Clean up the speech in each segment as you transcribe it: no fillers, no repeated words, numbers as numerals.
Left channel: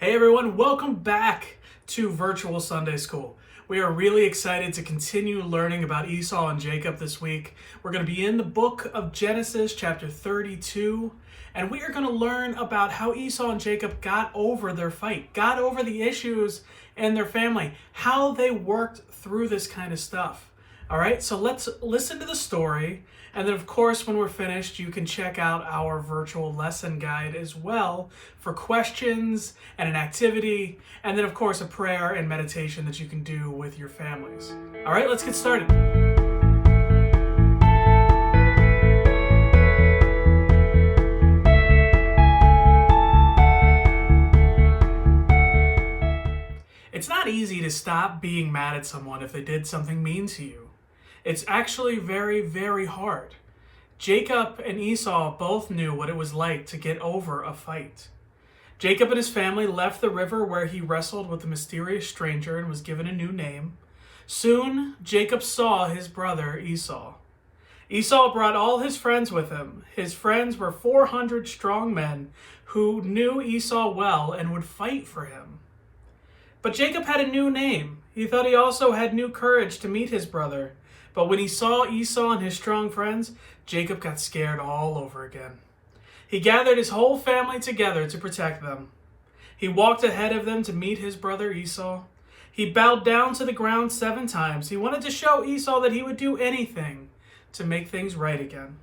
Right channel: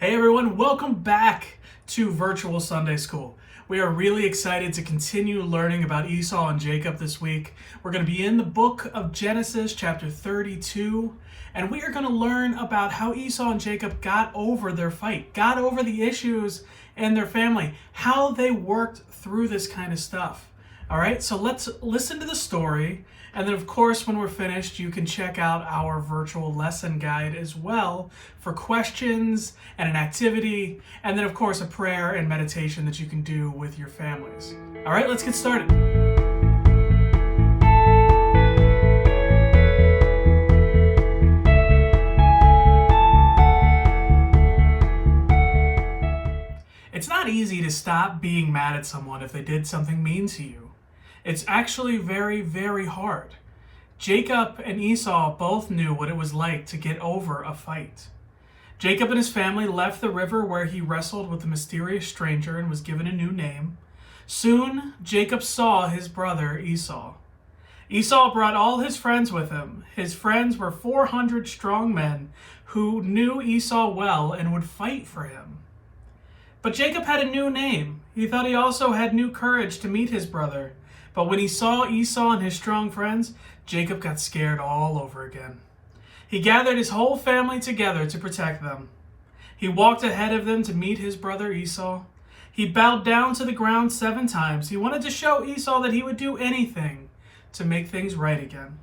Hey everyone, welcome back to Virtual Sunday School. We are really excited to continue learning about Esau and Jacob this week. We're going to be in the book of Genesis, chapter 32, and we are going to learn about how Esau and Jacob got over their fight, got over the issues in their family, how they worked through this kind of stuff. All right, so let's listen to the story. And then, of course, when we're finished, you can check out our virtual lesson guide as well for questions and an activity. And then, of course, a prayer and meditation that you can do with your families. All right, let's get started. It's not easy to stop being mad at someone if they did something mean to you. It's actually very, very hard. Jacob and Esau both knew what it was like to get over a fight. Jacob and his family left the river where he wrestled with the mysterious stranger and was given a new name. Soon, Jacob saw his brother Esau. Esau brought all his friends with him. His friends were 400 strong men who knew Esau well and would fight for him. But Jacob had a new name. He thought he also had new courage to meet his brother. But when he saw Esau and his strong friends, Jacob got scared all over again. He gathered his whole family together to protect them. He walked ahead of them to meet his brother Esau. He bowed down to the ground 7 times. He wanted to show Esau that he would do anything to make things right again.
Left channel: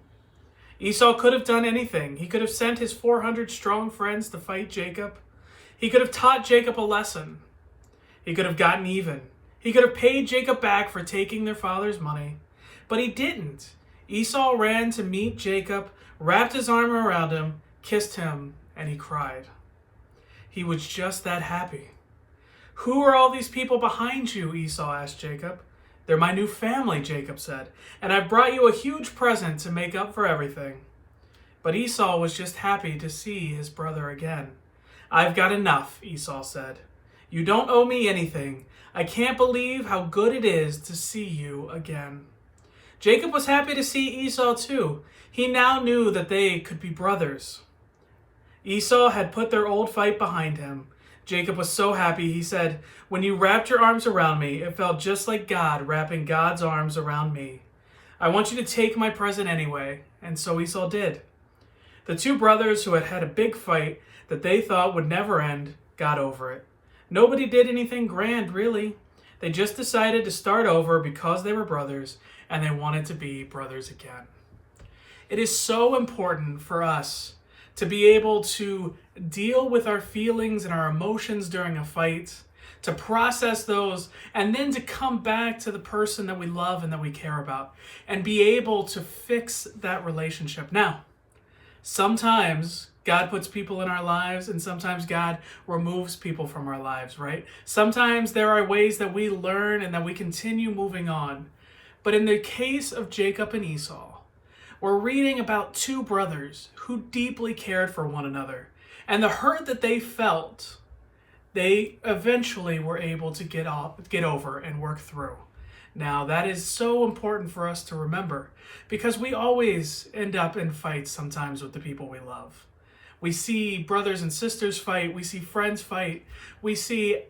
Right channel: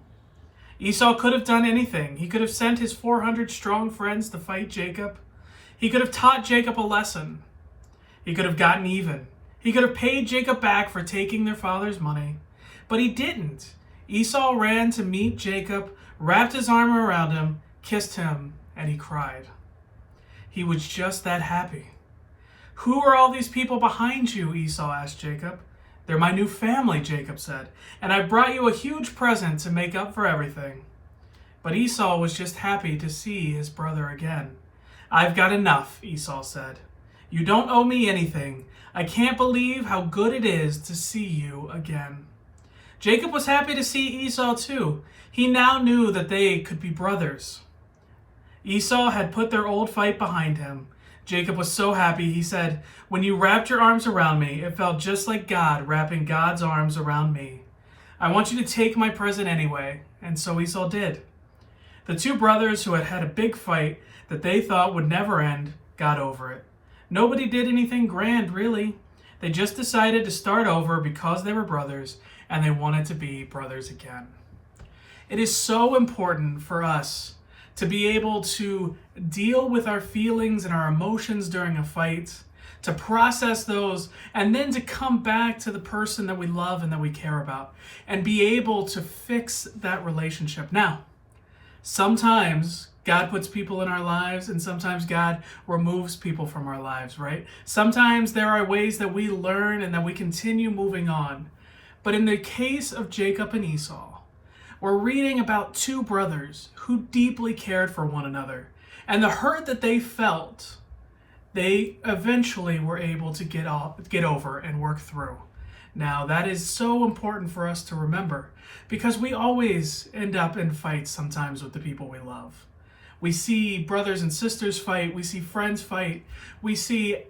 Esau could have done anything. He could have sent his 400 strong friends to fight Jacob. He could have taught Jacob a lesson. He could have gotten even. He could have paid Jacob back for taking their father's money, but he didn't. Esau ran to meet Jacob, wrapped his arm around him, kissed him, and he cried. He was just that happy. "Who are all these people behind you?" Esau asked Jacob. "They're my new family," Jacob said, "and I've brought you a huge present to make up for everything." But Esau was just happy to see his brother again. "I've got enough," Esau said. "You don't owe me anything. I can't believe how good it is to see you again." Jacob was happy to see Esau too. He now knew that they could be brothers. Esau had put their old fight behind him. Jacob was so happy, he said, "When you wrapped your arms around me, it felt just like God wrapping God's arms around me. I want you to take my present anyway." And so Esau did. The two brothers who had had a big fight that they thought would never end got over it. Nobody did anything grand, really. They just decided to start over because they were brothers and they wanted to be brothers again. It is so important for us to be able to deal with our feelings and our emotions during a fight, to process those, and then to come back to the person that we love and that we care about and be able to fix that relationship. Now, sometimes God puts people in our lives, and sometimes God removes people from our lives, right? Sometimes there are ways that we learn and that we continue moving on. But in the case of Jacob and Esau, we're reading about two brothers who deeply cared for one another. And the hurt that they felt, they eventually were able to get over and work through. Now, that is so important for us to remember because we always end up in fights sometimes with the people we love. We see brothers and sisters fight. We see friends fight. We see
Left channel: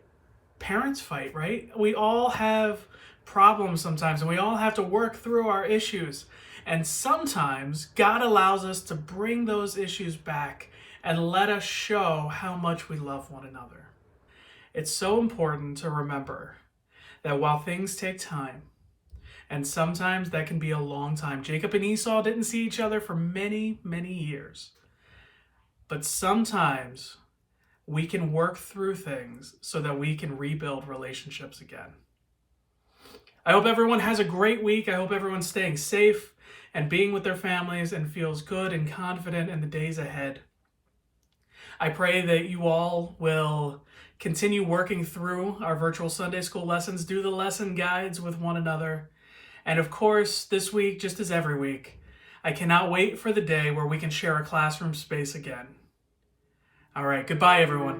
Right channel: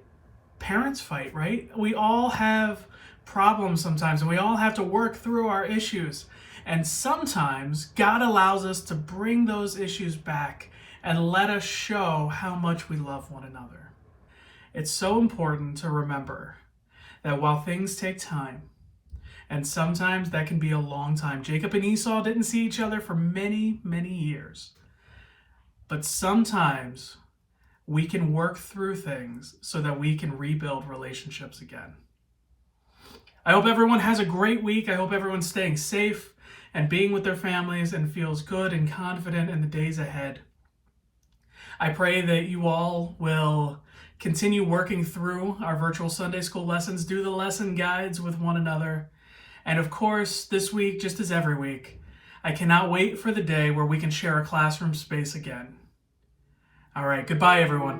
parents fight, right? We all have problems sometimes, and we all have to work through our issues. And sometimes God allows us to bring those issues back and let us show how much we love one another. It's so important to remember that while things take time, and sometimes that can be a long time. Jacob and Esau didn't see each other for many, many years. But sometimes we can work through things so that we can rebuild relationships again. I hope everyone has a great week. I hope everyone's staying safe and being with their families and feels good and confident in the days ahead. I pray that you all will continue working through our virtual Sunday school lessons, do the lesson guides with one another. And of course, this week, just as every week, I cannot wait for the day where we can share a classroom space again. All right, goodbye, everyone.